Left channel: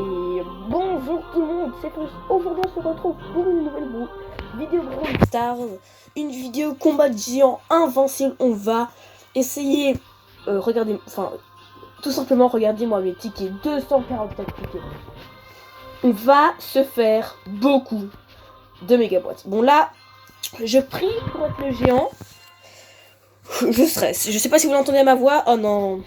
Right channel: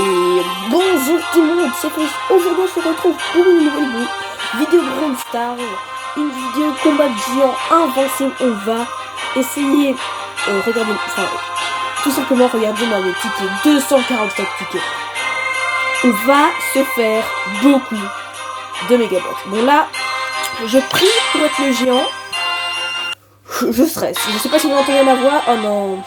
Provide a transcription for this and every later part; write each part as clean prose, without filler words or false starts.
Et bonjour tout le monde, c'est Chris. Aujourd'hui on se retrouve pour une nouvelle vidéo Brawl Stars, une vidéo combat de géant invincible. On va essayer, regardez, enfin tout simplement regardez-moi mes tickets, 244 tickets. On va se faire beaucoup de mégabots. Bon là, je prie pour être le géant. Je stresse, je sais pas si vous entendez ma voix, oh non.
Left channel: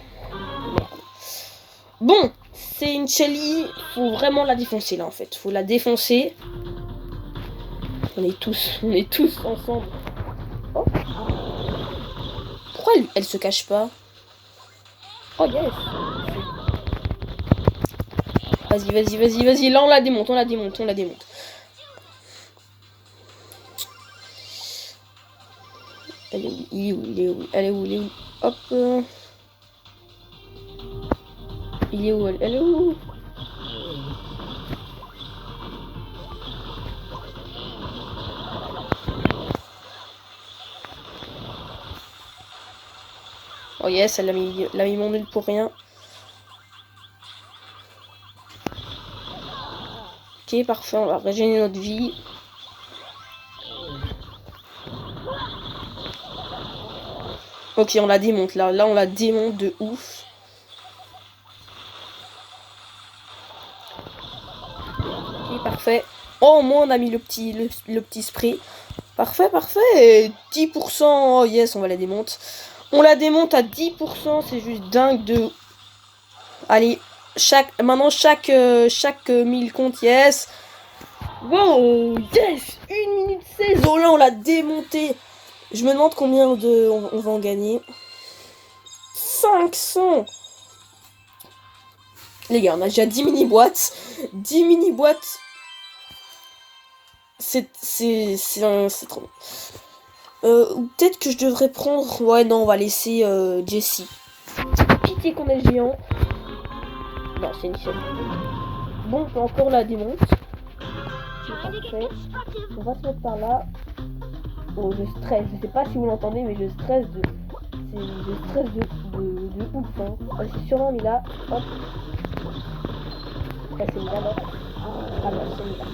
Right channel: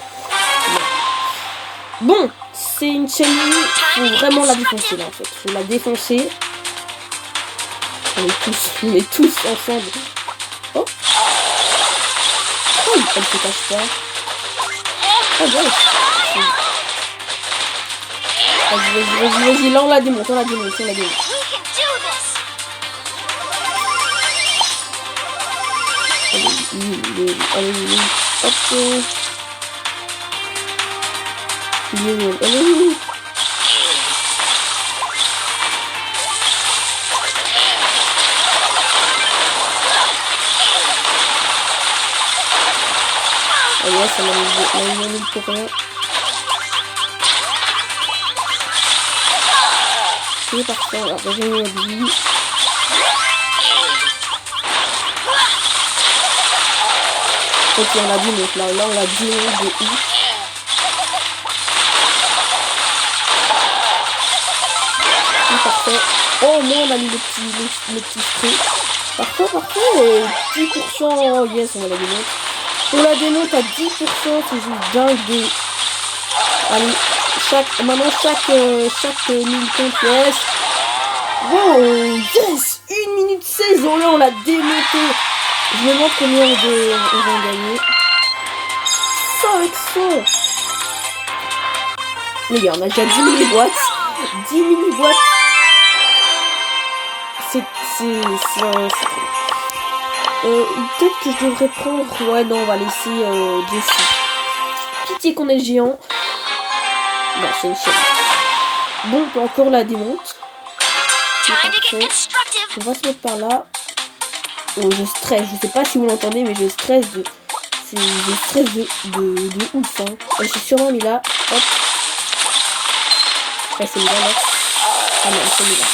Bon, c'est une Shelly, faut vraiment la défoncer là en fait, faut la défoncer. On est tous ensemble. Oh, oh elle se cache pas. Oh bien. Vas-y, là on la démonte, Allez, hop. Elle est où? Oh yes, elle a mis mon nul pour rien. Ok, parfait, on va régénérer notre vie. Ok, on l'a démonte là on l'a démonte de ouf. Parfait. Oh, moi on a mis le petit spray. Parfait. 10%. Oh, yes, on va la démonter. On la démonte à 10%. C'est juste dingue de... Allez, chaque 1000 comptes, yes. Wow, yes. 1 minute 16. Oh là, on l'a démonté. Je me demande combien on va en gagner. 500. Les gars, on a déjà 10 mini-boîtes. 10 mini-boîtes. C'est trop. Peut-être que je devrais prendre... Ouais, non, on va laisser Jessie. Pitié qu'on ait le géant. Non, c'est une chaîne. Bon, on peut encore la démonte. C'est parfait. On va se mettre par là. Oh, je stresse. Je sais pas si vous l'entendez, mais je stresse de... Je stresse de ouf, hein. Je suis sûrement mis là. Hop. Ouais, c'est mis là. Ah non, c'est mis là.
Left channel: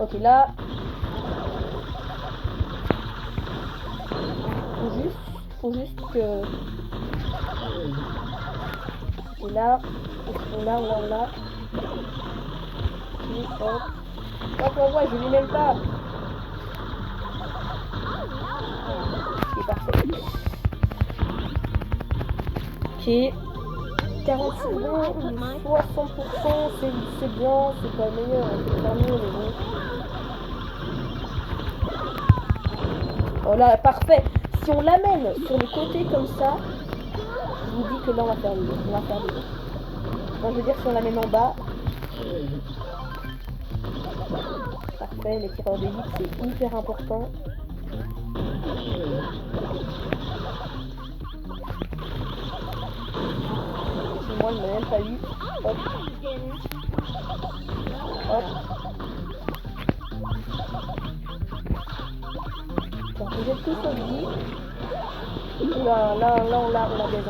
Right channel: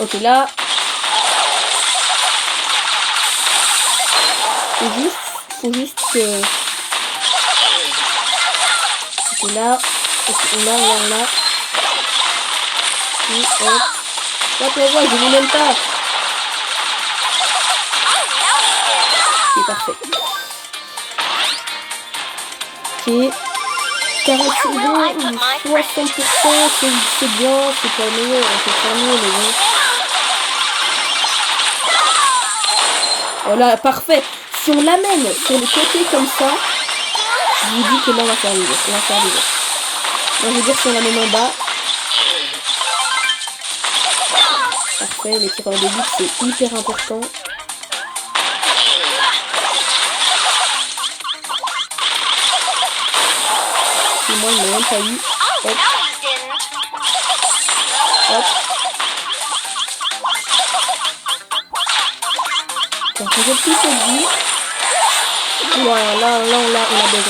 Ok, là. Faut juste que... Ok, là. Là. Et hop. Hop, la voix, je ne même pas. Ok, parfait. Ok. 40 secondes, 60%, c'est bien, c'est pas le meilleur, on peut faire mieux, mais bon. Voilà, parfait. Si on l'amène sur le côté comme ça, je vous dis que là on va faire vivre. Moi je veux dire si on l'amène en bas. Parfait, les tireurs de but c'est hyper important. Et moi il m'a même pas eu. Hop. Hop. On regarde tout cette vie. Voilà, là on la baise.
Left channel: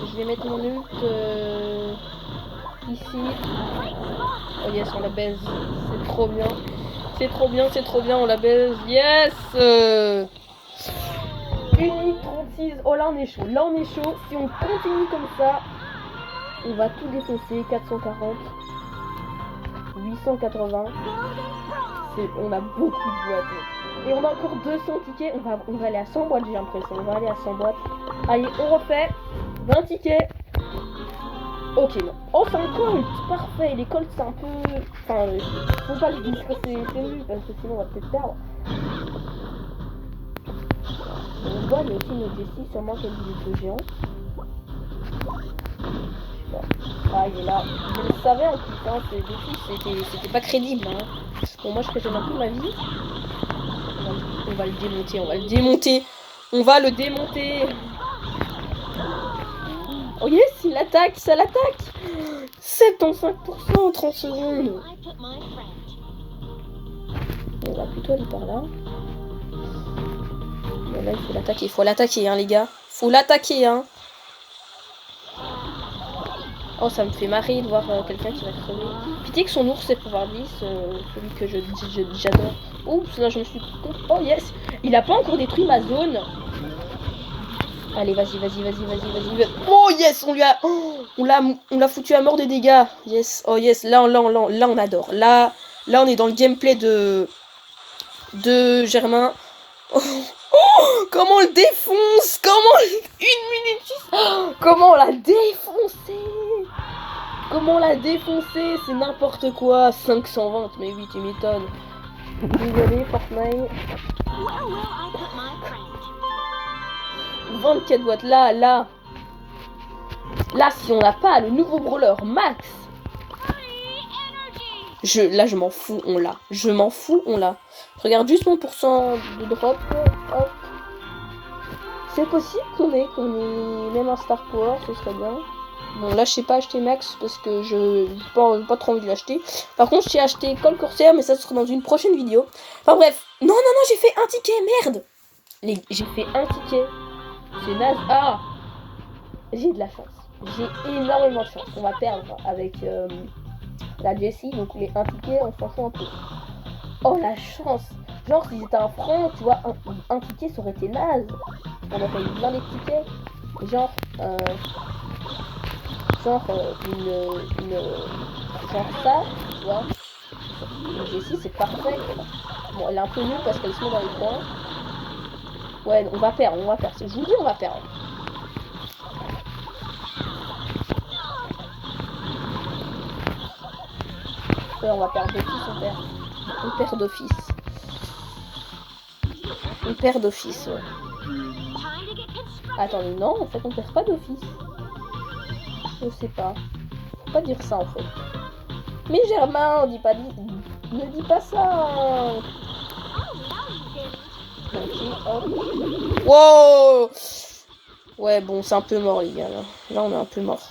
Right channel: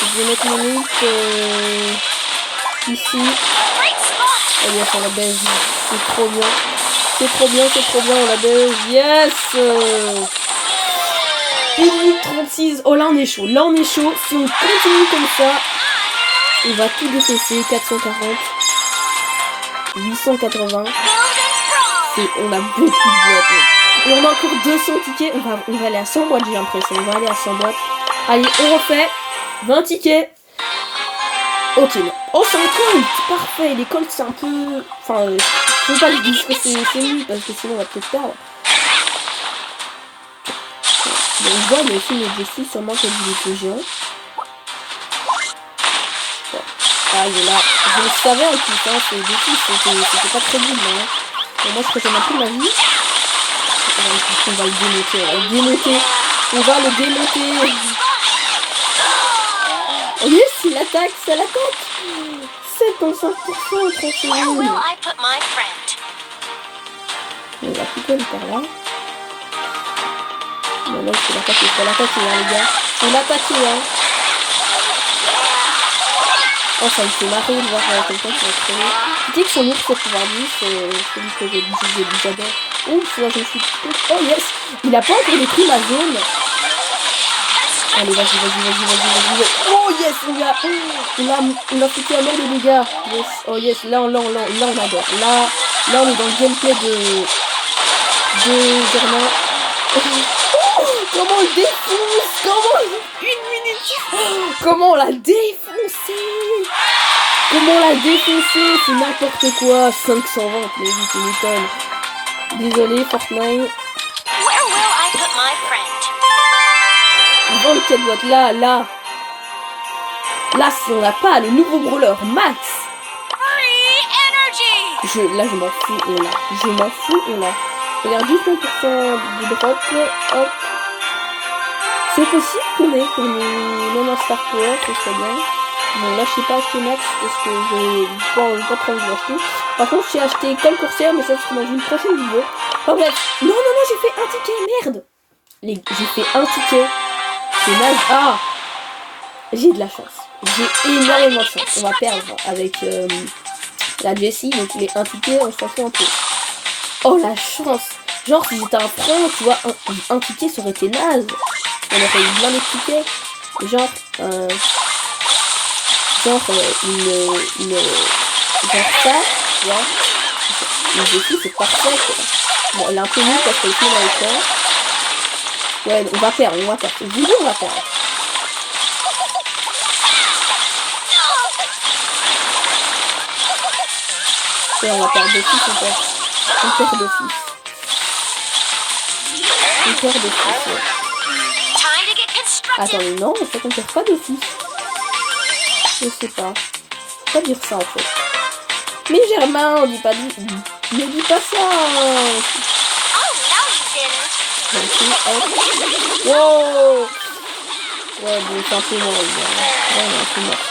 Je vais mettre mon ult ici. Oh yes, on la baise. C'est trop bien, on la baise. Yes. 1 minute 36. Oh là on est chaud. Si on continue comme ça, on va tout défausser. 440. 880. On a beaucoup de boîtes. Et on a encore 200 tickets. On va aller à 100 boîtes, j'ai l'impression. On va aller à 100 boîtes. Allez, on refait. 20 tickets. Ok, non. Oh, c'est un colt. Parfait. Les colts, c'est un peu... Enfin, faut pas le dire que c'est nul, parce que sinon, on va peut-être perdre. Bon, on voit, mais aussi, mais Jessie, sûrement qu'elle est géant. Bon. Ah, il est là. Je le savais en plus, hein. C'est Jessie, c'était pas très nul, hein. Bon, moi, je préfère un peu ma vie. On va le démonter. Oh yes, il attaque, ça l'attaque. 75%, 30 secondes. On va plutôt aller par là. Bon là, il faut l'attaquer, hein, les gars. Faut l'attaquer, hein. Oh, ça me fait marrer de voir quelqu'un qui va crever. Tu dis que son ours c'est pouvoir 10, celui que j'ai dit jamais. Oups, là je me suis... Oh yes. Il a pas encore détruit ma zone. Allez, vas-y. Oh yes, on a foutu à mort de dégâts. Yes, oh yes, là on adore. Là on est dans le gameplay de Germain. Oh, comment on le défonce. Une minute. Comment on l'a défoncé. C'est n'importe quoi. 520, mais oui, tu m'étonnes. Désolé, Fortnite. 24 boîtes, là, si on n'a pas le nouveau brawler Max. Là, je m'en fous, on l'a. Regarde juste mon pourcent de drop, hop. C'est possible qu'on ait même un Star Power, ce serait bien. Bon, là, je sais pas acheter Max parce que j'ai pas trop envie d'acheter. Par contre, j'ai acheté Cole Corsair, mais ça sera dans une prochaine vidéo. Enfin bref, non, j'ai fait un ticket, merde. J'ai fait un ticket. C'est naze. Ah, j'ai de la chance. J'ai énormément de chance. On va perdre avec la Jessie, donc les un ticket, on s'en fout un peu. Oh la chance. Genre si j'étais un franc, tu vois, un ticket ça aurait été naze. On aurait eu plein de tickets. Genre genre ça, tu vois. Une Jessie c'est parfait quoi. Bon, elle est un peu nulle parce qu'elle est dans les temps. Ouais, on va perdre. Je vous dis, on va perdre. Ouais, on va perdre d'office, on perd d'office. Ouais. Attendez, non, en fait, on perd pas d'office. Je sais pas. Faut pas dire ça, en fait. Mais Germain, on dit pas... Ne dis pas ça. Wow. Ouais, bon, c'est un peu mort, les gars. Ouais, on est un peu mort.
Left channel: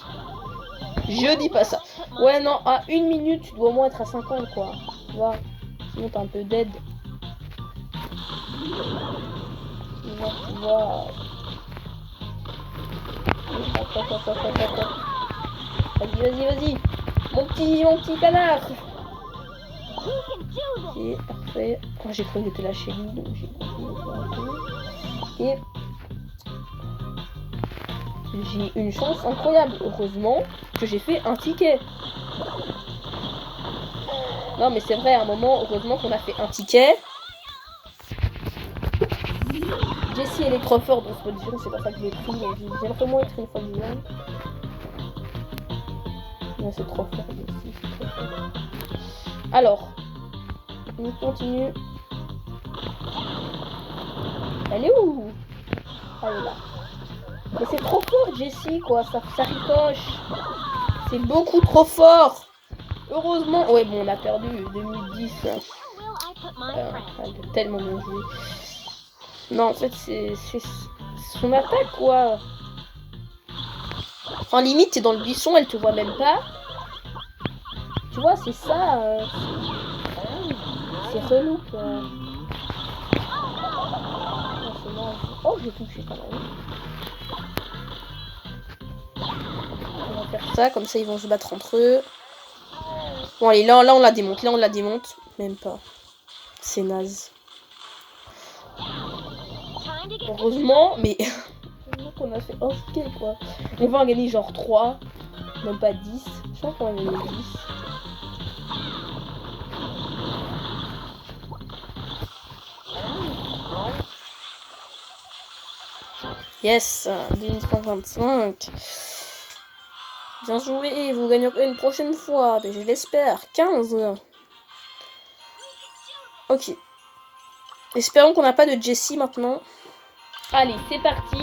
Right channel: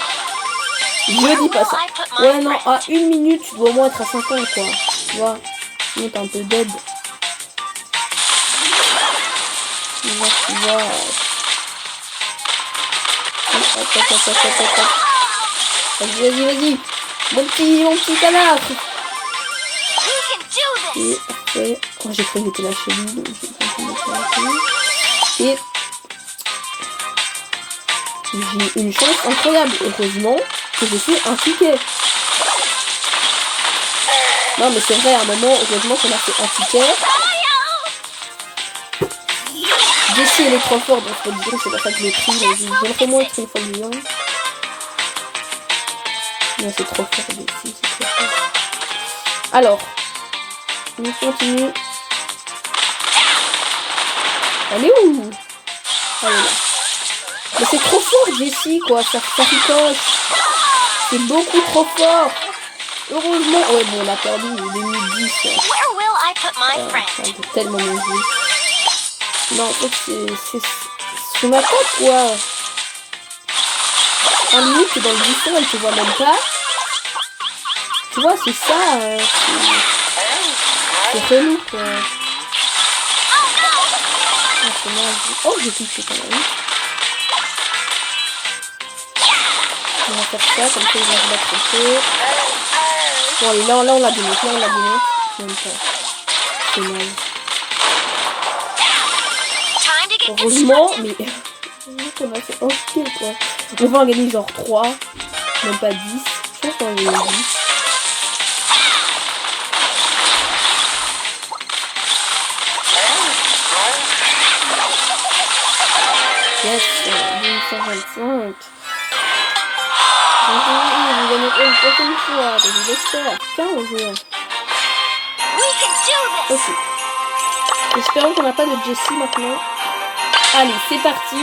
Je dis pas ça. Ouais, non, à 1 minute, tu dois au moins être à 50, quoi. Tu vois, sinon t'es un peu dead. Tu vois. Vas-y. Mon petit canard. Et après... Oh, j'ai cru que j'étais là chez lui, donc j'ai continué. Et... j'ai une chance incroyable. Heureusement que j'ai fait un ticket. Non mais c'est vrai, à un moment, heureusement qu'on a fait un ticket. Jessie elle est trop forte, donc faut dire c'est pas ça que je l'ai pris. J'aimerais moins être une fois vivant. Non, c'est trop fort, Jessie, c'est trop fort. Alors, on continue. Elle est où? Elle est là. Mais c'est trop fort, Jessie, quoi. Ça ricoche. C'est beaucoup trop fort. Heureusement. Ouais, bon, on a perdu 2010. Ça fait tellement mon jeu. Non, en fait, c'est sur ma tête, quoi. En limite, t'es dans le buisson, elle te voit même pas. Tu vois, c'est ça. C'est relou, quoi. Oh, j'ai touché quand même. On va faire ça, comme ça ils vont se battre un peu. Bon allez, là on la démonte, Même pas. C'est naze. Heureusement, mais... on a fait un kill quoi. On va en gagner genre 3. Même pas 10. Je pense qu'on va en gagner 10. Yes, 125. Vous gagnerez une prochaine fois, je l'espère. 15. Ok. Espérons qu'on n'a pas de Jessie maintenant. Allez, c'est parti.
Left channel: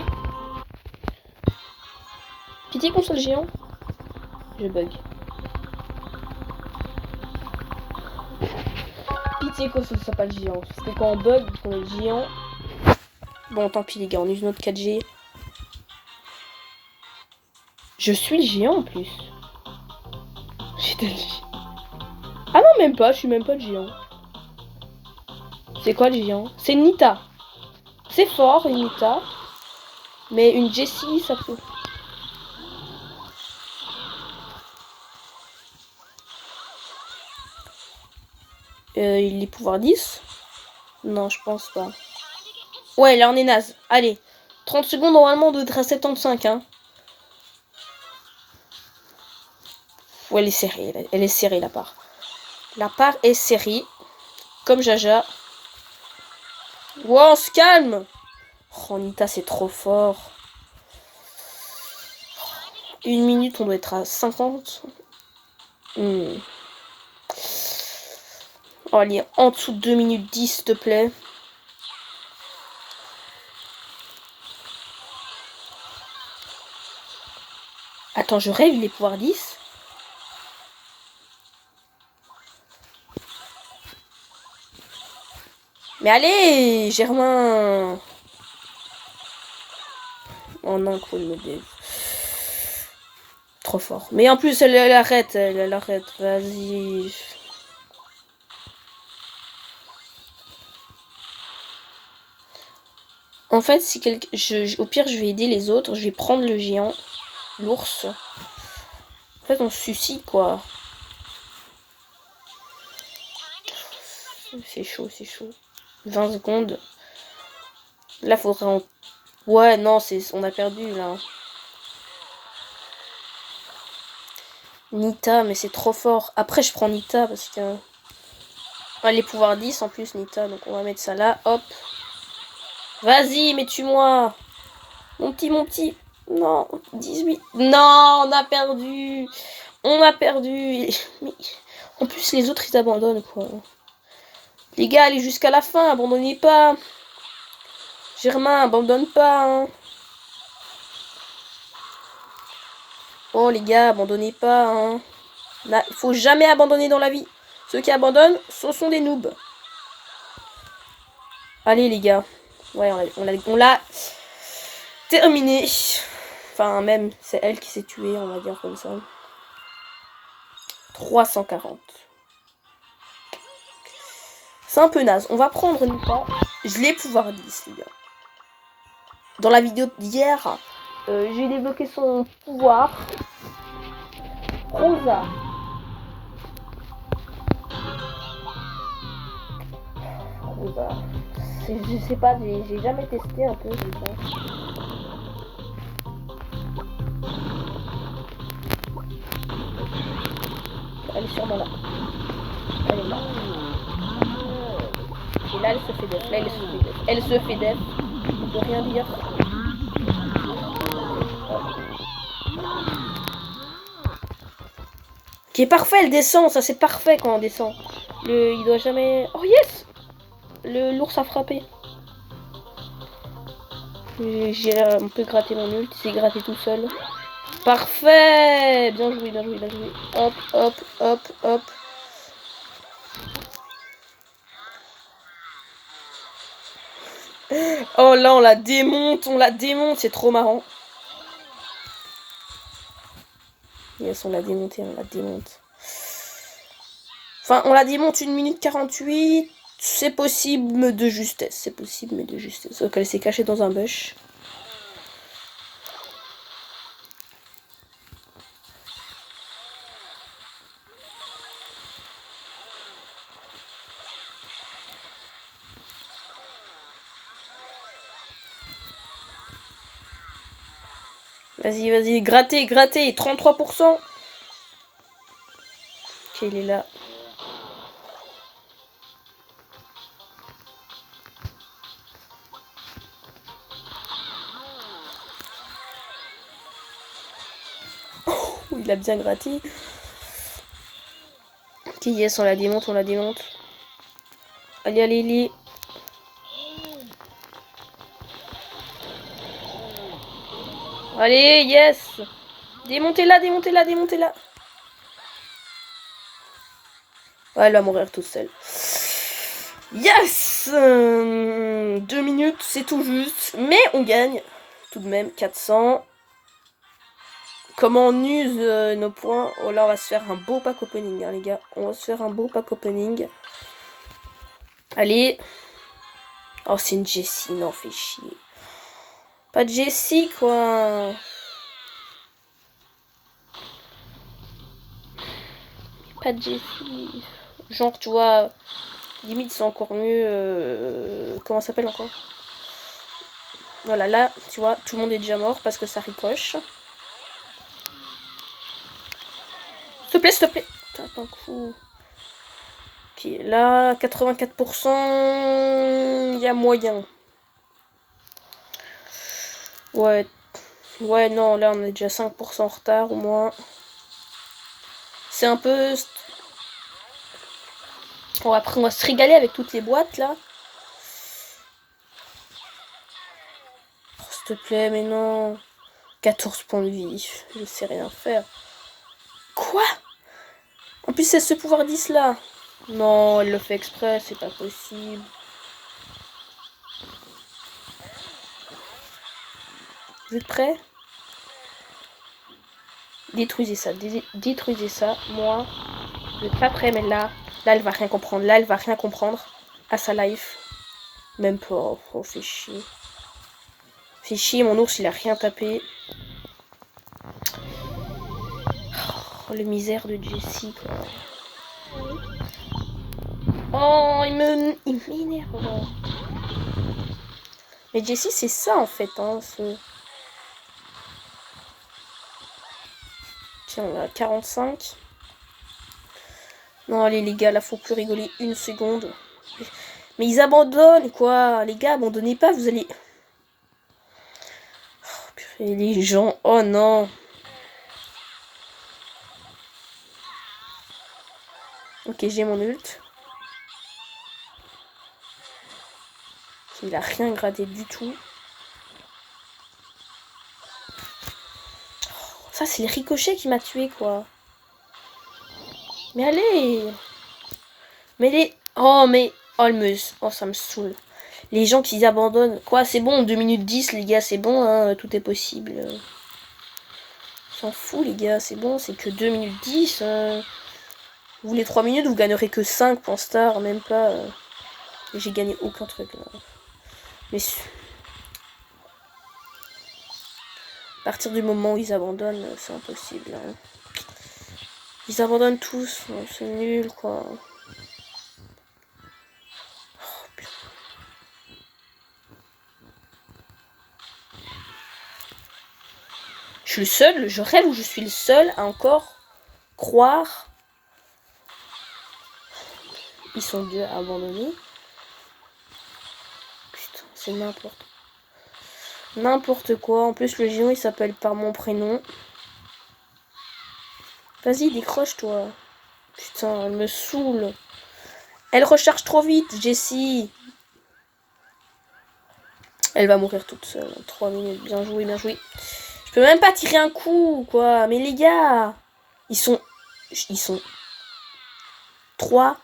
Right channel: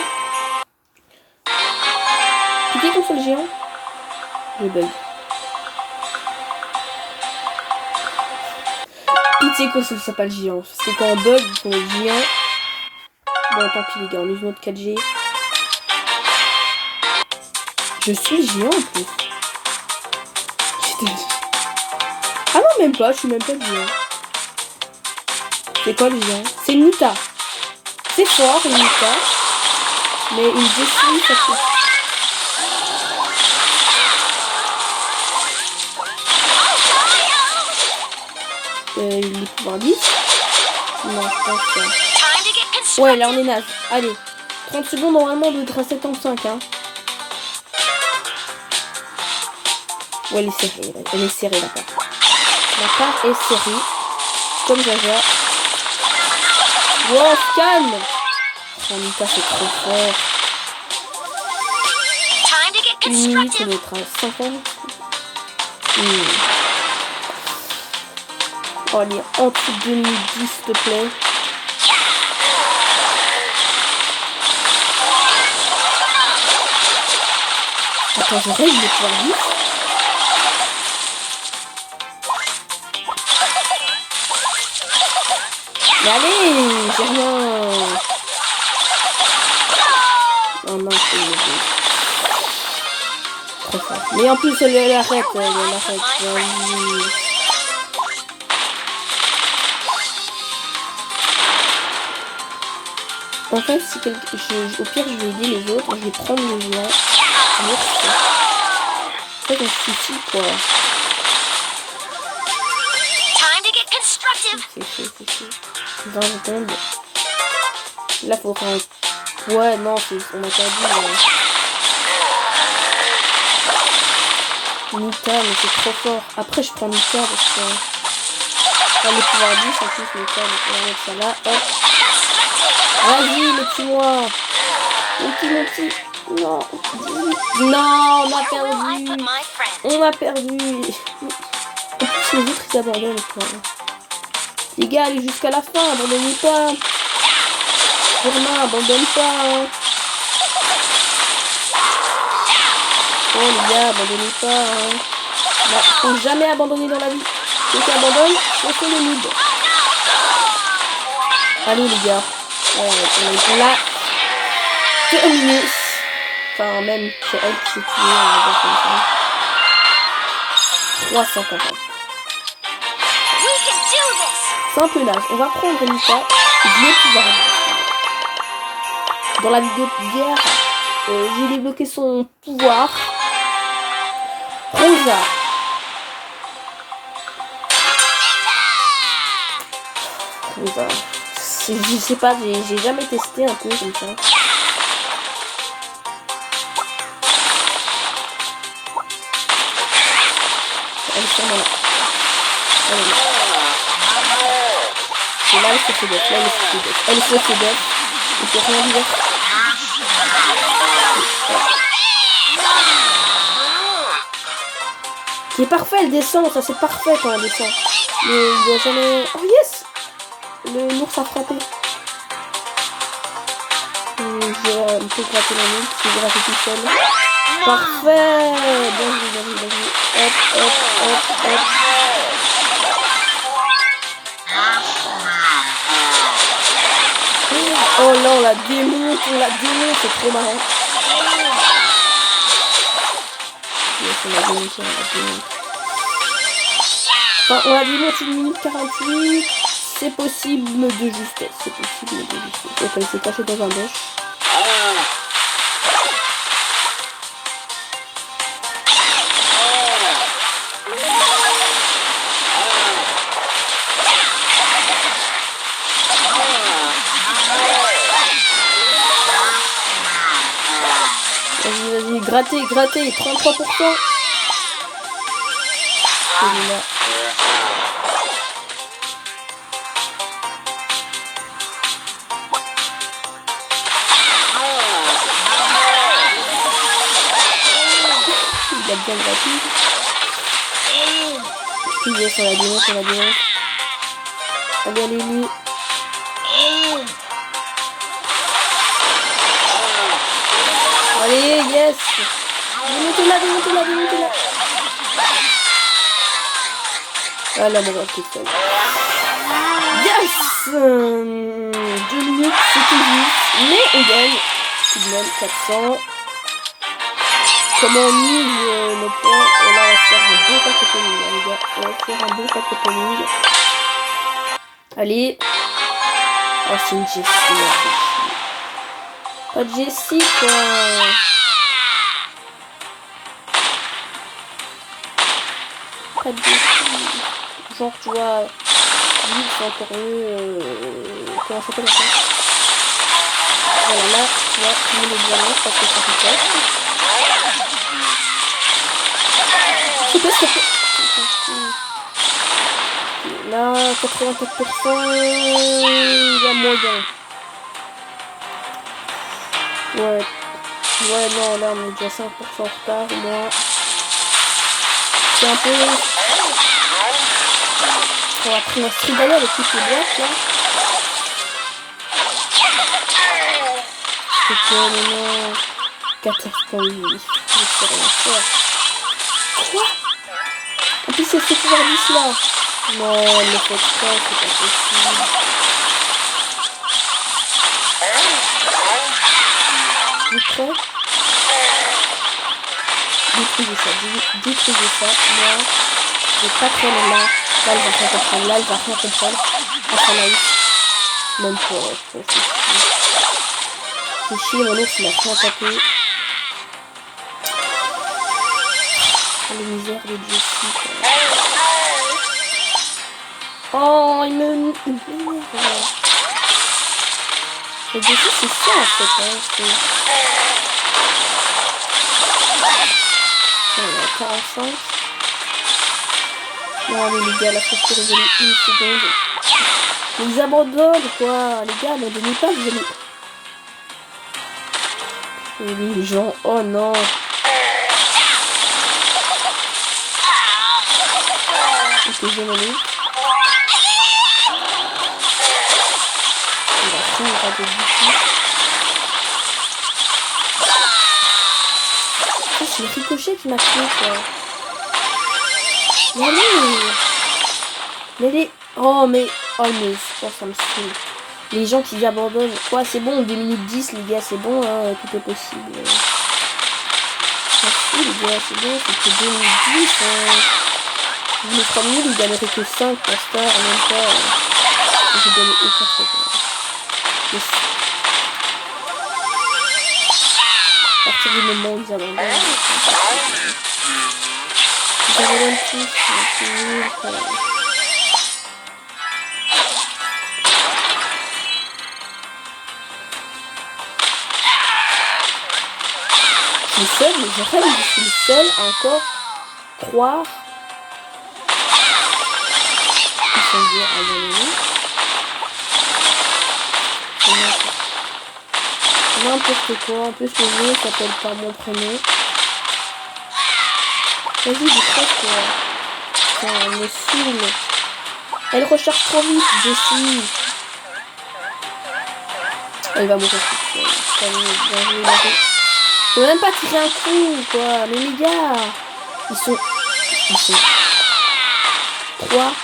Cliquez console géant. Je bug. Pitié console ça pas le géant. C'est quand on bug qu'on est géant. Bon, tant pis les gars, on est une autre 4G. Je suis géant en plus. Ah non, même pas, je suis même pas géant. C'est quoi le géant? C'est une Nita. C'est fort, une Nita. Mais une Jessie, ça fait. les pouvoirs 10. Non, je pense pas. Ouais, là on est naze. Allez, 30 secondes, normalement, on doit être à 75, hein. Ouais, elle est serrée, elle est serrée, la part. La part est serrée. Comme Jaja. Wow, scan. Oh, Nita, c'est trop fort. 1 minute, on doit être à 50. Oh, allez, en dessous de 2 minutes 10, s'il te plaît. Attends, je règle les pouvoirs 10. Mais allez, Germain. Oh non, c'est le jeu. Trop fort. Mais en plus, elle arrête. Elle arrête. Vas-y. En fait, si au pire, je vais aider les autres. Je vais prendre le géant. L'ours. En fait, on se soucie, quoi. C'est chaud, c'est chaud. 20 secondes. Là, faudra... Ouais, non, on a perdu, là. Nita, mais c'est trop fort. Après, je prends Nita parce que... Enfin, les pouvoirs 10 en plus, Nita. Donc, on va mettre ça là. Hop. Vas-y, mais tue-moi. Mon petit. Non. 18. Non, on a perdu. On a perdu. En plus, les autres, ils abandonnent, quoi. Les gars, allez jusqu'à la fin. Abandonnez pas. Germain, abandonne pas. Hein. Oh, les gars, abandonnez pas. Hein. Là, faut jamais abandonner dans la vie. Ceux qui abandonnent, ce sont les noobs. Allez, les gars. Ouais, on l'a terminé. Enfin, même, c'est elle qui s'est tuée, on va dire comme ça. 340. C'est un peu naze. On va prendre Nita. Je l'ai pouvoir dire. Dans la vidéo d'hier, j'ai débloqué son pouvoir. Rosa. Rosa. Je sais pas, j'ai jamais testé un peu comme ça. Elle est sûrement là. Elle est là. Et là, elle se fait d'être. Là, elle se fait d'être. Il peut rien dire. Qui est parfait, elle descend. Ça, c'est parfait quand elle descend. Mais il doit jamais... Oh, yes! L'ours a frappé. J'ai un peu gratté la nuque. J'ai gratté tout seul. Parfait! Bien joué, bien joué, bien joué. Hop, hop, hop, hop. Oh là, on la démonte, c'est trop marrant. Yes, on la démonte, Enfin, on la démonte 1 minute 48. C'est possible de justesse, Donc elle s'est cachée dans un bush. Vas-y, grattez, 33%. Celui-là. Il a bien gratté. Yes, on la démonte. Allez, Lily. Allez, yes. Démontez-la. Ah, elle va mourir toute seule. Yes. 2 minutes, c'est tout juste. Mais on gagne tout de même 400. Comment on use nos points? Et là, on va faire un bon pack opening, les gars. On va faire un bon pack opening. Allez. Oh, c'est une Jessie, là, c'est chier. Pas de Jessie, quoi. Pas de Jessie. Genre, tu vois, Limite, c'est encore mieux. Comment ça s'appelle encore? Voilà, là, tu vois, tout le monde est diamant parce que ça fait test. S'il te plaît, s'il te plaît. Okay, là, 84%, il y a moyen. Ouais, non, là, on est déjà 5% en retard, au moins. C'est un peu... Bon, après, on va se régaler avec toutes les boîtes, là. C'était, mais non... 14.8, je sais rien faire. Quoi? En plus, c'est ce pouvoir 10 là. Non, elle le fait exprès, c'est pas possible. Vous êtes prêts? Détruisez ça. Moi, j'ai pas très là. Là, elle va rien comprendre. Ah, ça naïf. Même pas, c'est chier. C'est chier, mon ours, il a rien tapé. Les misères de Jessie, quoi. Oh, il m'énerve. Mais Jessie, c'est ça, en fait, hein. On est à 45. Non, allez, les gars, là, faut que rigoler une seconde. Mais ils abandonnent, quoi. Les gars, abandonnez pas, vous allez... Et les gens, oh non. Protéger mon lit. Il va rien rater du tout. Ah, c'est le ricochet qui m'a tué, quoi. Mais allez. Mais les... Oh, mais... Oh, ça me saoule. Les gens qui abandonnent. Quoi, c'est bon, 2 minutes 10, les gars, c'est bon, hein, tout est possible. Ça fout, les gars, c'est bon, c'est que 2 minutes 10. Vous les 3 minutes, vous gagnerez que 5 pour Star, même pas. J'ai gagné aucun truc. À partir du moment où ils abandonnent, c'est impossible. Ils abandonnent tous, c'est nul, quoi. Je suis seul, je rêve, je suis le seul à encore croire. Ils sont durs à abandonner. C'est n'importe quoi. En plus, le jeu s'appelle par mon prénom. Vas-y, décroche-toi. Putain, elle me saoule. Elle recharge trop vite, Jessie. Elle va mourir toute seule. 3 minutes, bien joué, Marie. Je peux même pas tirer un coup, quoi. Mais les gars, ils sont 3.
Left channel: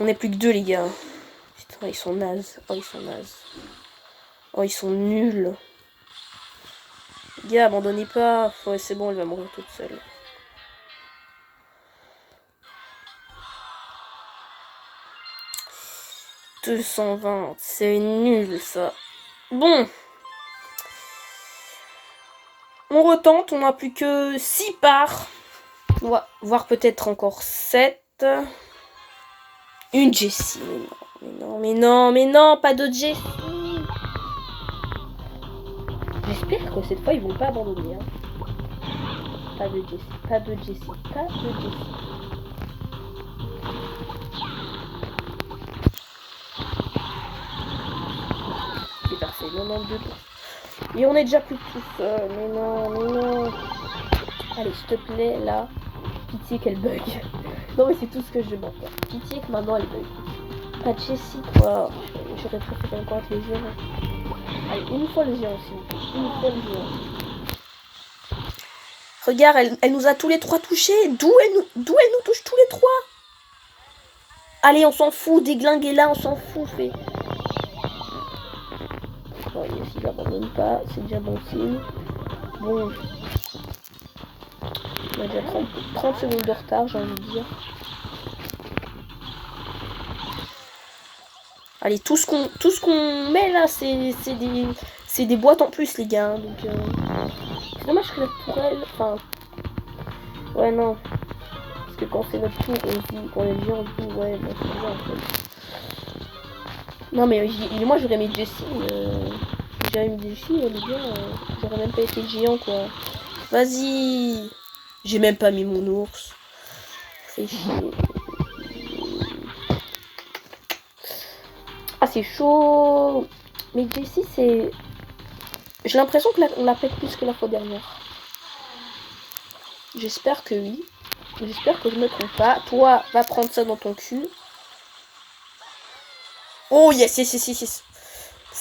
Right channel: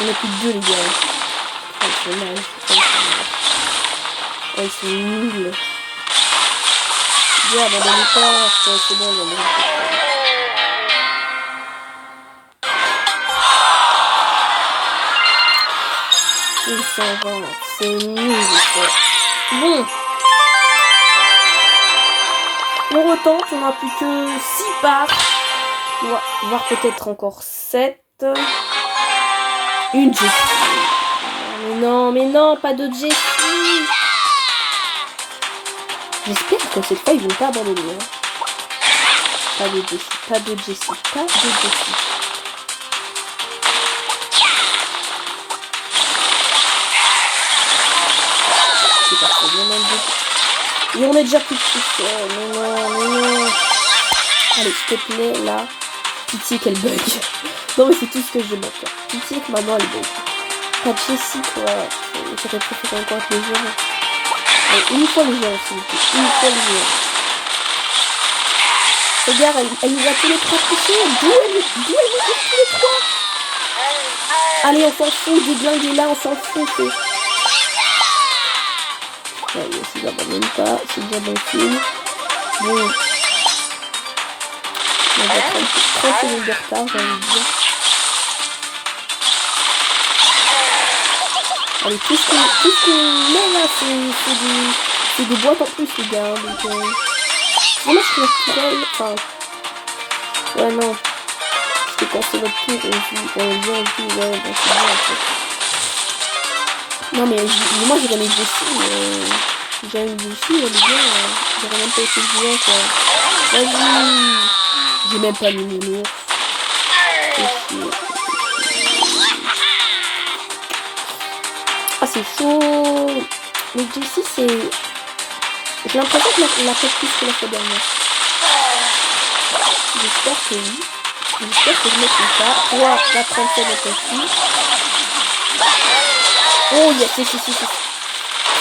On est plus que 2, les gars. Oh, ils sont mal. Oh, ils sont nuls. Les gars, abandonnez pas. C'est bon, ils vont mourir toute seule. 120, c'est nul, ça. Bon. On retente, on n'a plus que 6 parts. On va voir peut-être encore 7. Une Jessie. Mais non, pas de Jessie. J'espère que cette fois ils vont pas abandonner. Hein. Pas de Jessie. C'est parti, bien dans le but. Et on est déjà plus de 6. Mais non. Allez, s'il te plaît, là. Pitié qu'elle bug. Non, mais c'est tout ce que j'ai bon faire. Pitié que maintenant elle bug. Pas de Jessie, quoi. J'aurais préféré encore avec les géants. Allez, une fois les géants, s'il vous plaît. Une fois les géants. Regarde, elle nous a tous les 3 touchés. D'où elle nous touche tous les 3? Allez, on s'en fout. Déglinguer là, on s'en fout. Allez, si j'abandonne pas, c'est déjà bon signe. Bon. On va prendre 30 secondes de retard, j'ai envie de dire. Allez, tout ce qu'on met là, c'est des boîtes en plus, les gars. Donc, dommage que la tourelle. Enfin. Ouais, non. que quand c'est notre tour, on joue, quand on vient, on joue, ouais, bon, c'est bien, en fait. Non, mais moi, j'aurais mis Jessie, j'aurais mis Jessie, elle est bien, j'aurais même pas été bien, quoi. Vas-y. J'ai même pas mis mon ours. Ah, c'est chaud. Mais Jessie, c'est... J'ai l'impression que la fait plus que la fois dernière. J'espère que oui. J'espère que je ne me trompe pas. Toi, va prendre ça dans ton fil. Oh yes, yes.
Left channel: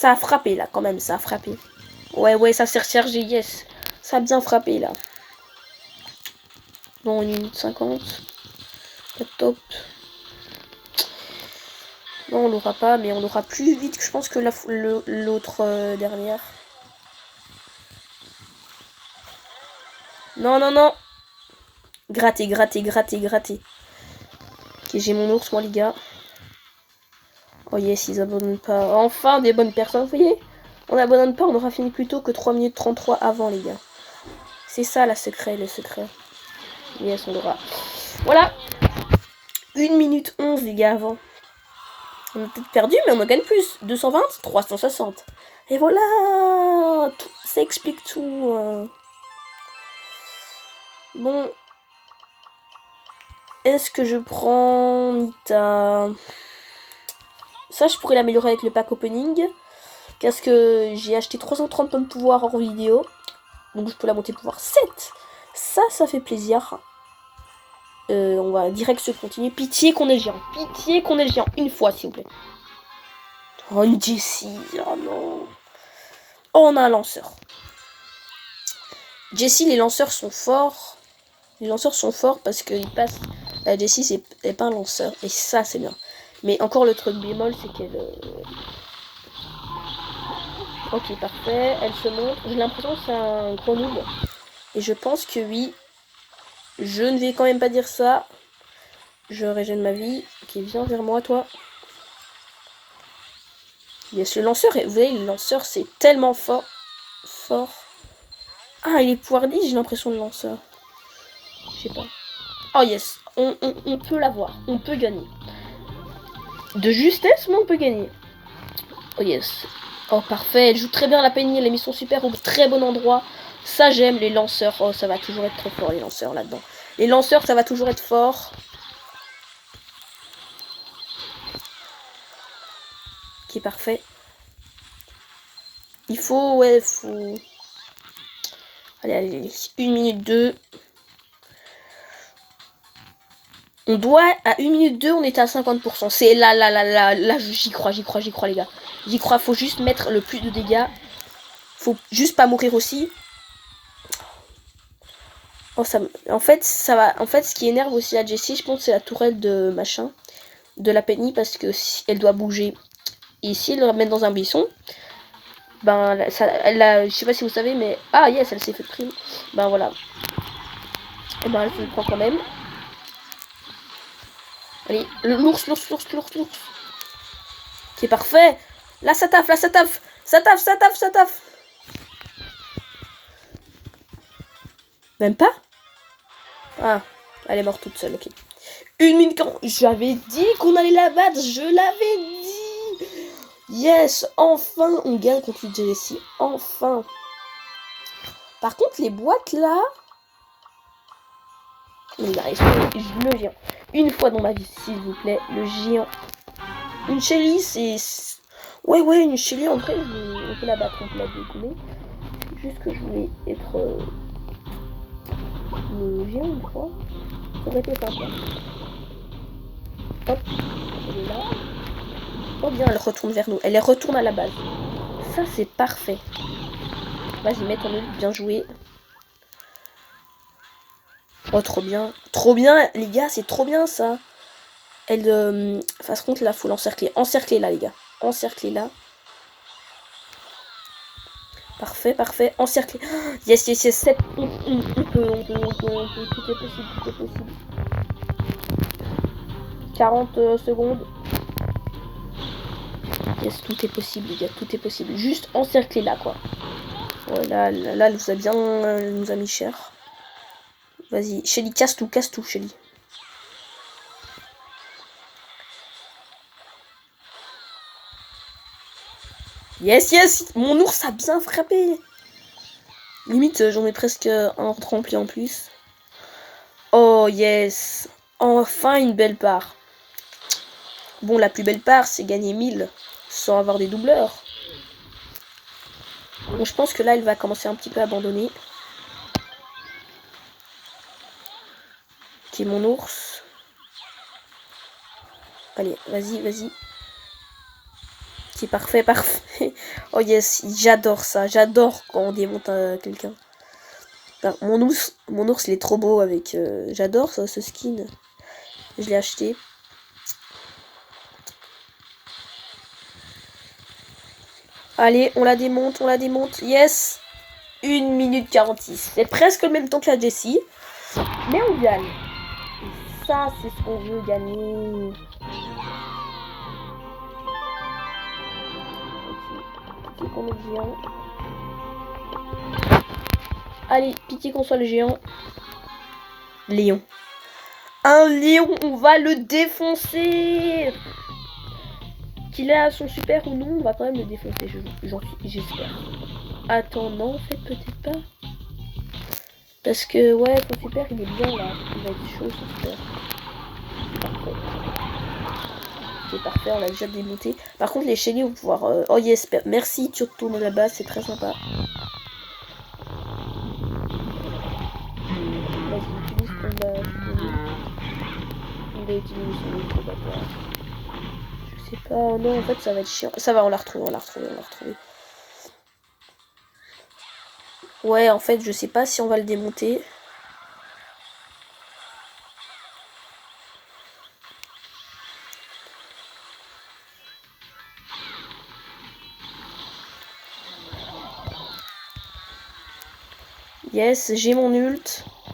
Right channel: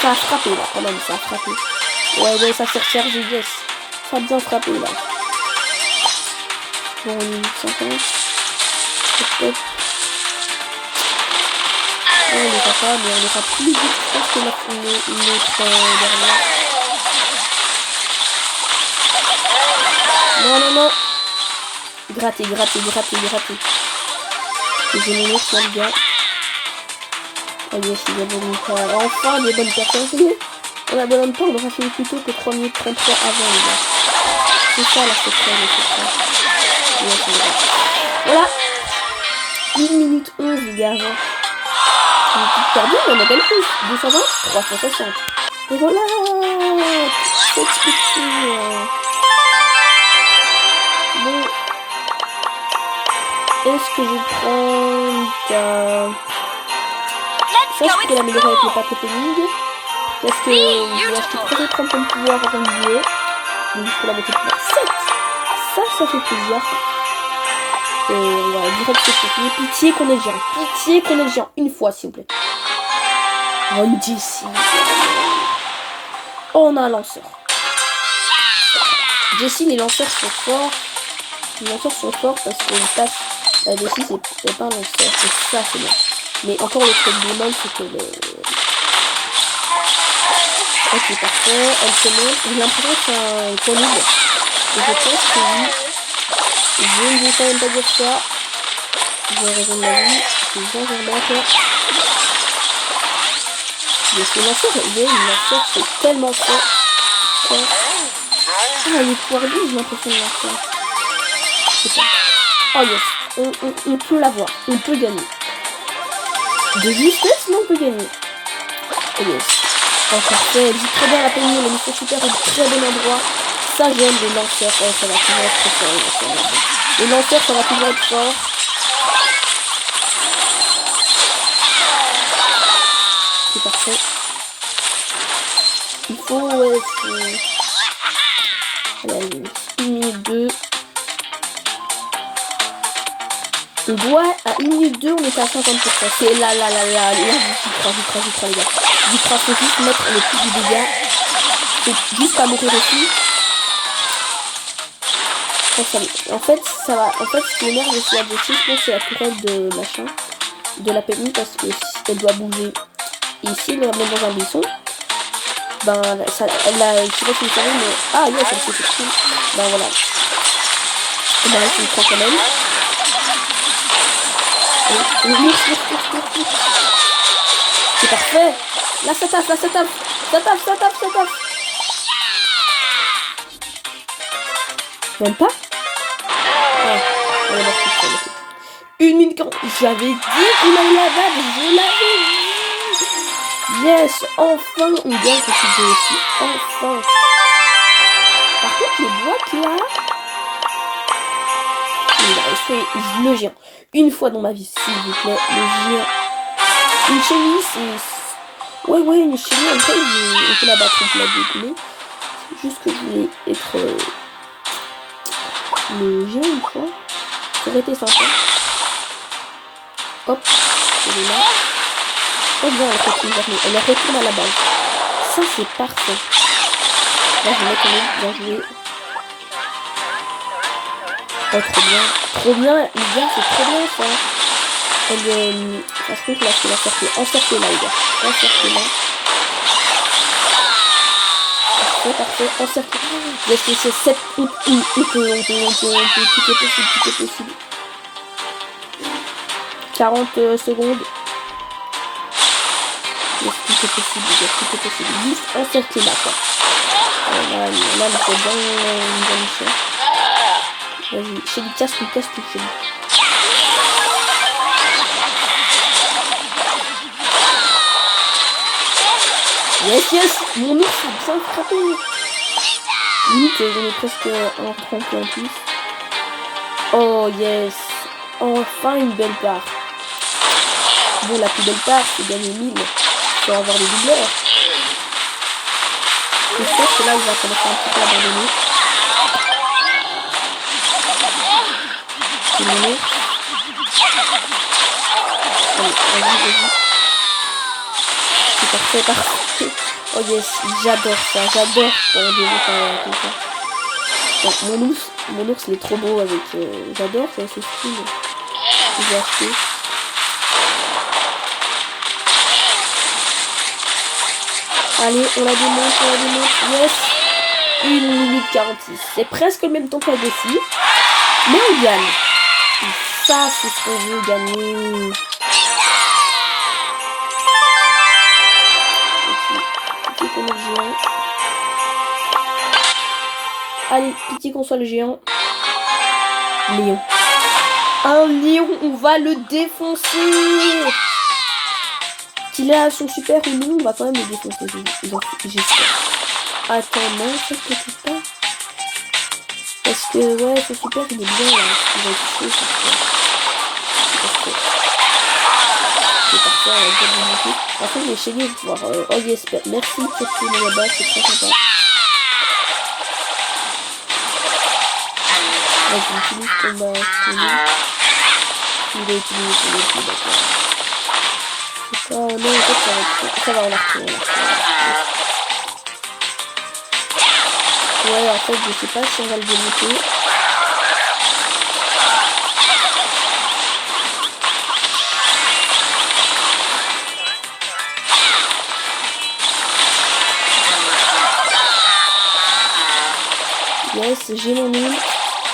Ça a frappé là quand même, ça a frappé. Ouais, ça s'est rechargé, yes. Ça a bien frappé là. Bon, 1 minute 50. Top. Oh, on n'ira pas, mais on ira plus vite, je pense, que l'autre dernière. Non. Gratter. J'ai mon ours, moi, les gars. Oh yes, ils abandonnent pas. Enfin, des bonnes personnes. On abandonne pas, on aura fini plus tôt que 3 minutes 33 avant, les gars. C'est ça, la secret, le secret. Yes, on verra. Voilà. 1 minute 11, les gars, avant. On est tous perdus, mais on a gagné plus. 220, 360. Et voilà. Cette spectacle. Bon. Est-ce que je prends ça, je pourrais l'améliorer avec le pack opening. Parce que j'ai acheté 330 points de pouvoir en vidéo. Donc je peux la monter de pouvoir 7. Ça fait plaisir. On va direct se continuer. Pitié qu'on ait le géant. Une fois, s'il vous plaît. Oh, une Jessie. Oh, on a un lanceur. Jessie, les lanceurs sont forts. Parce qu'ils passent. La Jessie, c'est pas un lanceur. C'est ça, c'est bien. Mais encore le truc du mal, c'est que le... Ok, parfait. Elle se montre. J'ai l'impression que c'est un point nul. Et je pense que oui. Je ne vais quand même pas dire ça. J'ai raison de ma vie. C'est bien vers moi, toi. Mais ce lanceur, c'est tellement fort. Ah, il est poilu, j'ai l'impression de lancer. Je sais pas. Oh yes. On peut l'avoir. On peut gagner. De justesse, mais on peut gagner. Oh yes. Oh parfait, elle joue très bien la Penny, elle a mis son super au très bon endroit. Ça j'aime, les lanceurs. Oh, ça va toujours être très fort, les lanceurs là-bas. Les lanceurs, ça va toujours être fort. C'est parfait. Il faut, ouais, allez, 1 minute 2. On doit, à 1 minute 2, on était à 50%. C'est là, j'y crois, les gars. J'y crois, faut juste mettre le plus de dégâts. Faut juste pas mourir aussi. En fait, ce qui énerve aussi la Jessie, je pense que c'est la tourelle de machin, de la Penny, parce que si elle doit bouger. Et ici, elle le ramène dans un buisson. Ben, elle a, je sais pas si vous savez, mais... Ah, yes, elle s'est fait tuer. Ben, voilà. Et ben, elle se prend quand même. C'est parfait. Là, ça taffe. Même pas. Ah, elle est morte toute seule. 1 minute 40. J'avais dit qu'on allait la battre. Je l'avais dit. Yes, enfin, on gagne contre les aussi. Enfin. Par contre, les boîtes là. Il a resté le géant. Une fois dans ma vie, s'il vous plaît, le géant. Une chenille, c'est... Ouais, une chenille, en fait, on peut la battre, on peut la découler. C'est juste que je voulais être... le géant une fois. Ça aurait été sympa. Hop, elle est là. Oh bien, elle continue vers nous. Elle retourne à la base. Ça, c'est parfait. Là, je vais mettre en ligne, bien joué. Oh, trop bien, les gars, c'est trop bien ça. Elle, par contre, là, c'est encercler là, les gars. Encercler là. Parfait, encercler. Yes, 7. On peut, tout est possible. 40 secondes. Yes, tout est possible, les gars, tout est possible. Juste encercler là, quoi. Là, c'est bien, nous a mis cher. Vas-y, Shelly, casse tout, Shelly. Yes, yes. Mon ours a bien frappé. Limite, j'en ai presque un tremplé en plus. Oh, yes. Enfin, une belle part. Bon, la plus belle part, c'est gagner 1000 sans avoir des doubleurs. Mais je pense que là, il va commencer un petit peu à abandonner. C'est mon ours. Allez, vas-y. C'est parfait, parfait. Oh yes, j'adore ça. J'adore quand on démonte quelqu'un. Bon, mon ours, il est trop beau avec... j'adore ça, ce skin. Je l'ai acheté. Allez, on la démonte. Yes. 1 minute 46. C'est presque le même temps que la Jessie. Mais on gagne. Et ça, c'est ce qu'on veut gagner. Pitié qu'on ait le géant. Allez, pitié qu'on soit le géant. Lion. Un lion, on va le défoncer. Qu'il a son super ou non, on va quand même le défoncer, j'espère. Attends, non, ça peut-être pas. Parce que, ouais, son super, il est bien là. Il va être chaud, c'est parfait, on va déjà démonter. Par contre, les chélis vont pouvoir... oh yes, merci de tourner là-bas, c'est très sympa. Là, j'utilise combat. Il a utilisé son outil, d'accord. C'est pas... non, en fait, ça va être chaud. Ça va, on l'a retrouvé. Ouais, en fait, je sais pas si on va le démonter. Yes, j'ai mon ult.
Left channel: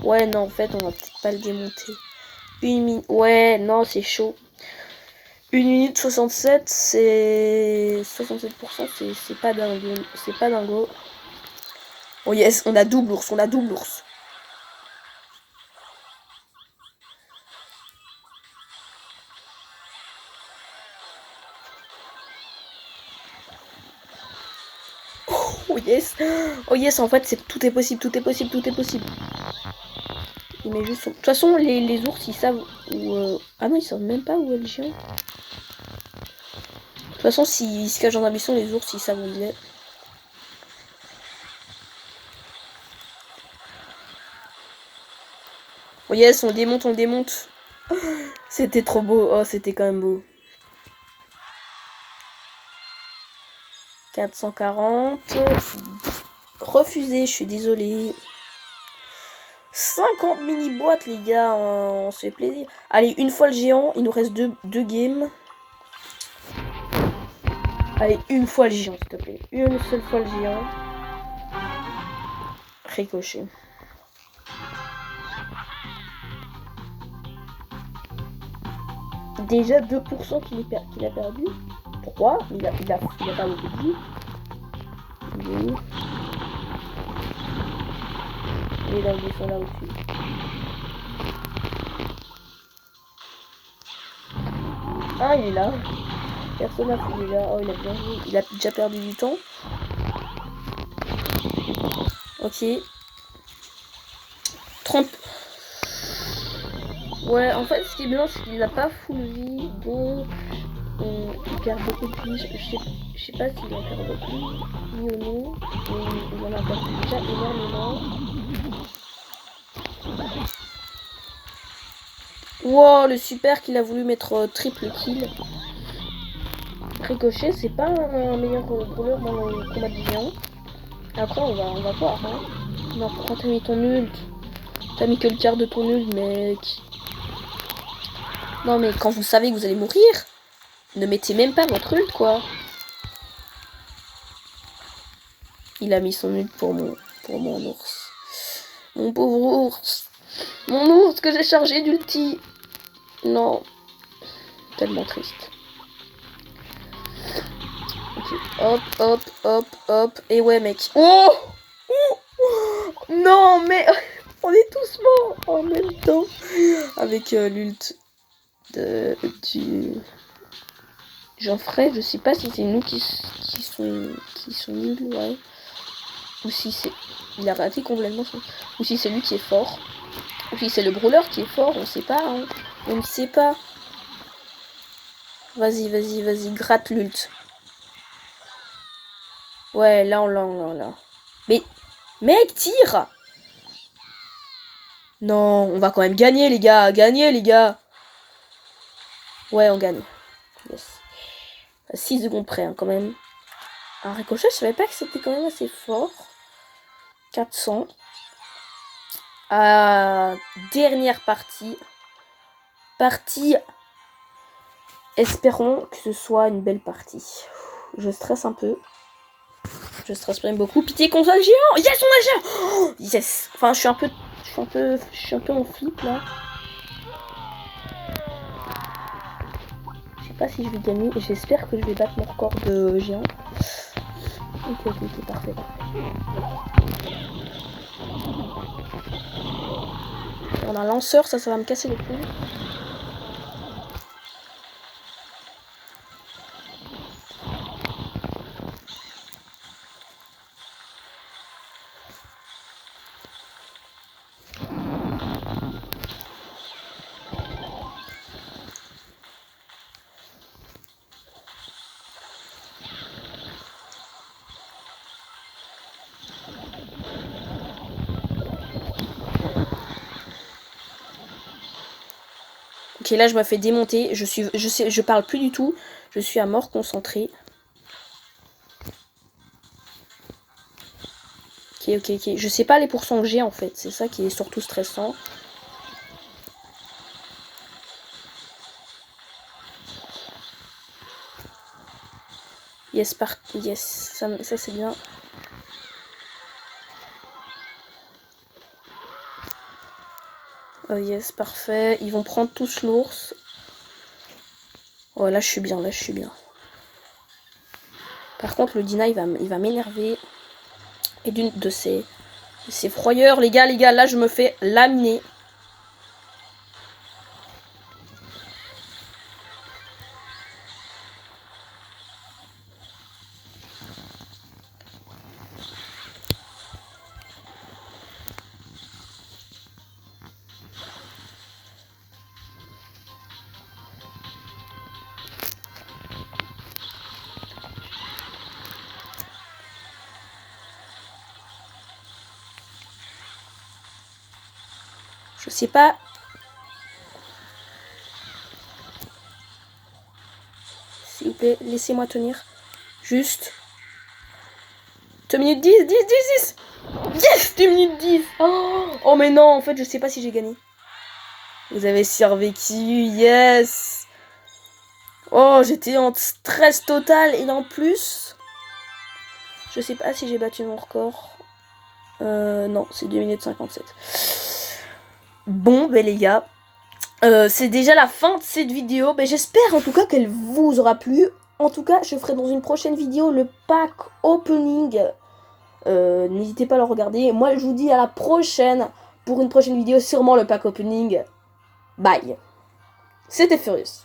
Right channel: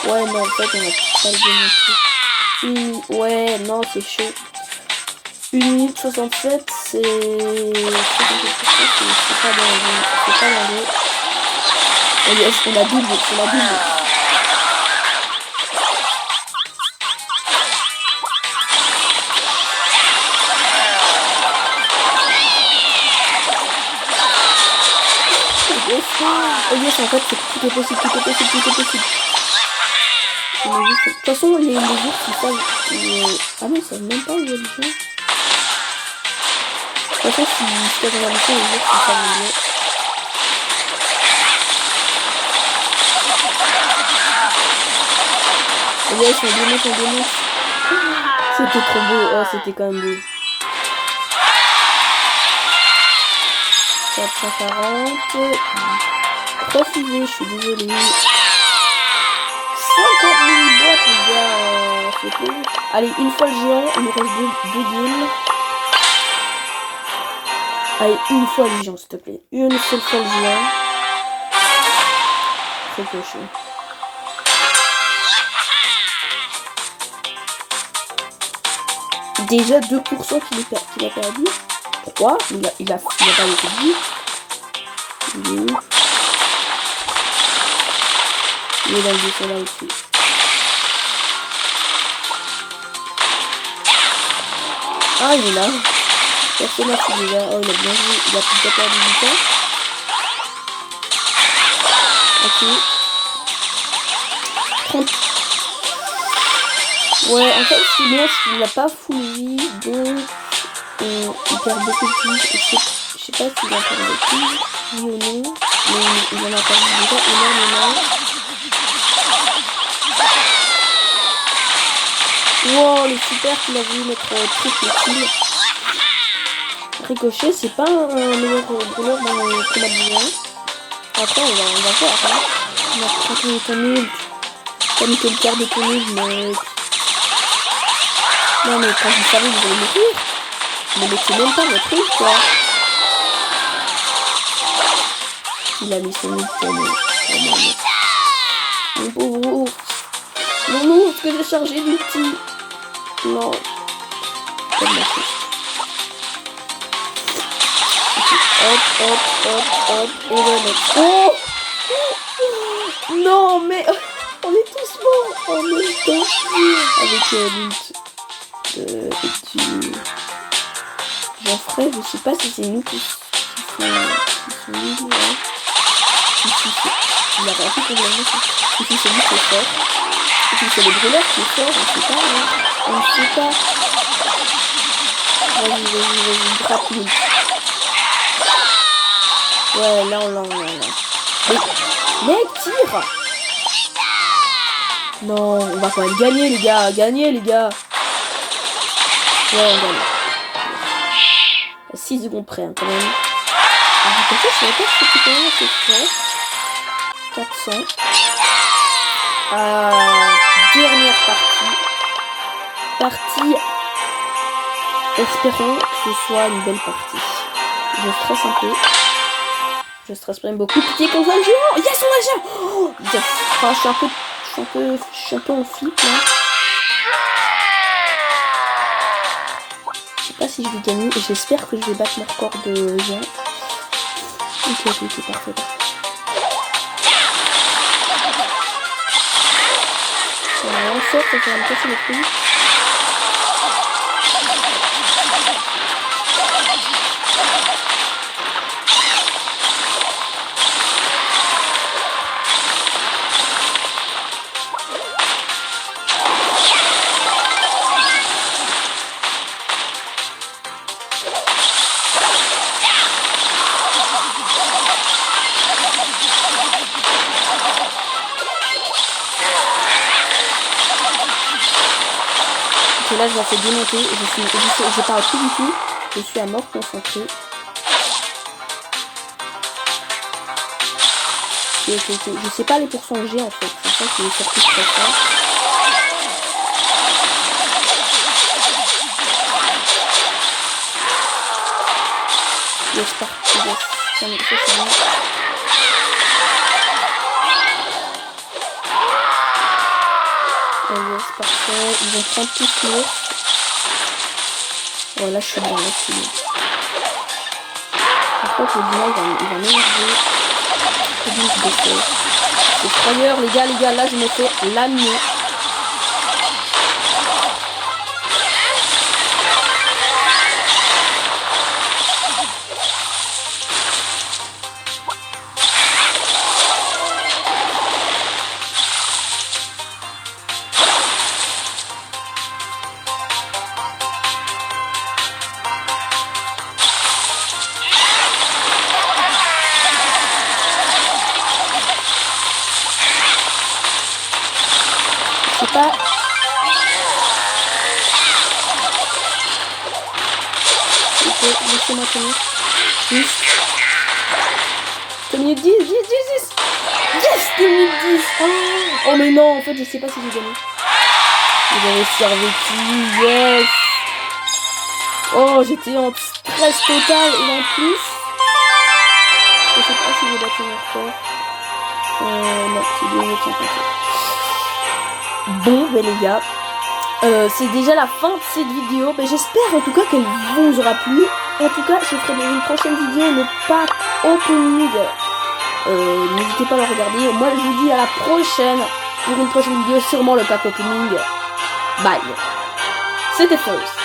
Ouais, non, en fait, on va pas le démonter. Ouais, non, c'est chaud. 1 minute 67, c'est 67%, c'est pas dingue. Oh yes, on a double. Oh yes, en fait, tout est possible. De toute façon, les ours, ils savent... Ah mais ils savent même pas où est le chien. De toute façon, si t'as dans la mission, les ours, ils savent où il est. Oh yes, on démonte. C'était trop beau. Oh, c'était quand même beau. 440. Refusé, je suis désolée. 50 mini-boîtes, les gars. C'est plaisir. Allez, une fois le géant, il nous reste deux games. Allez, une fois le géant, s'il te plaît. Une seule fois le géant. Ricochet. Déjà 2% qu'il a perdu. 3, il a pas été dit. Il est où? Il est dans le dessin là aussi. Ah, il est là. Personne n'a fait déjà. Oh, il a bien joué. Il a déjà perdu du temps. Ok. 30. Ouais, en fait, ce qui est bien, c'est qu'il n'a pas full vie, donc il perd beaucoup de vie. Je sais pas s'il a perdu de vie, oui ou non, mais il en a perdu déjà énormément. Wow, le super qu'il a voulu mettre triple kill. Ricochet, c'est pas un meilleur rouleur dans le combat de géant. Après, on va voir. Hein. On va prendre ton ult. Comme que le quart de ton ult, mec. Non, mais quand vous savez que vous allez mourir, ne mettez même pas votre ult, quoi. Il a mis son ult pour moi. Mon pauvre ours. Mon ours que j'ai chargé d'ulti. Non. Tellement triste. Hop. Et ouais, mec. Oh, non, mais on est tous morts en même temps. Avec l'ult du Jean-Fred. Je sais pas si c'est nous qui sont nuls, ouais. Ici, il a rien fait pour le. Ici, c'est lui qui est fort. Et puis, c'est le brûleur qui est fort, on sait pas, hein. On ne sait pas. Vas-y, gratte l'ult. Ouais, là, on l'a. Mais, mec, tire! Non, on va quand même gagner, les gars. Ouais, on gagne. 6 secondes près, hein, quand même. Alors, attention, je savais pas que c'était quand même assez fort. 400. Dernière partie. Espérons que ce soit une belle partie. Je stresse un peu. Je stresse même beaucoup. Pitié qu'on soit le géant. Yes, on a le géant. Oh, yes. Enfin, je suis un peu en flip là. Je sais pas si je vais gagner. J'espère que je vais battre mon record de géant. Ok, parfait. On a un lanceur, ça va me casser les couilles. Ok, là je me fais démonter, je parle plus du tout, je suis à mort concentrée. Ok, je sais pas les pourcents G en fait, c'est ça qui est surtout très fort. Yes, parti, yes, ça c'est bien. Yes, parfait. Ils vont prendre tous l'ours. Oh, là, je suis bien. Par contre, le Dina, il va m'énerver. Et donc, c'est effrayeur, les gars. Là, je me fais lamier. Je sais pas. Ok, laissez-moi tenir. Juste. 2 minutes 10. Yes, 2 minutes 10. Oh mais non, en fait, je sais pas si j'ai gagné. Vous avez servi, yes. Oh, j'étais en stress total. Et en plus, je sais pas si j'ai battu mon record. Non, c'est 2 minutes 57. Bon, ben les gars, c'est déjà la fin de cette vidéo. Ben, j'espère en tout cas qu'elle vous aura plu. En tout cas, je ferai dans une prochaine vidéo le pack opening. N'hésitez pas à le regarder. Moi, je vous dis à la prochaine pour une prochaine vidéo, sûrement le pack opening. Bye. C'était First.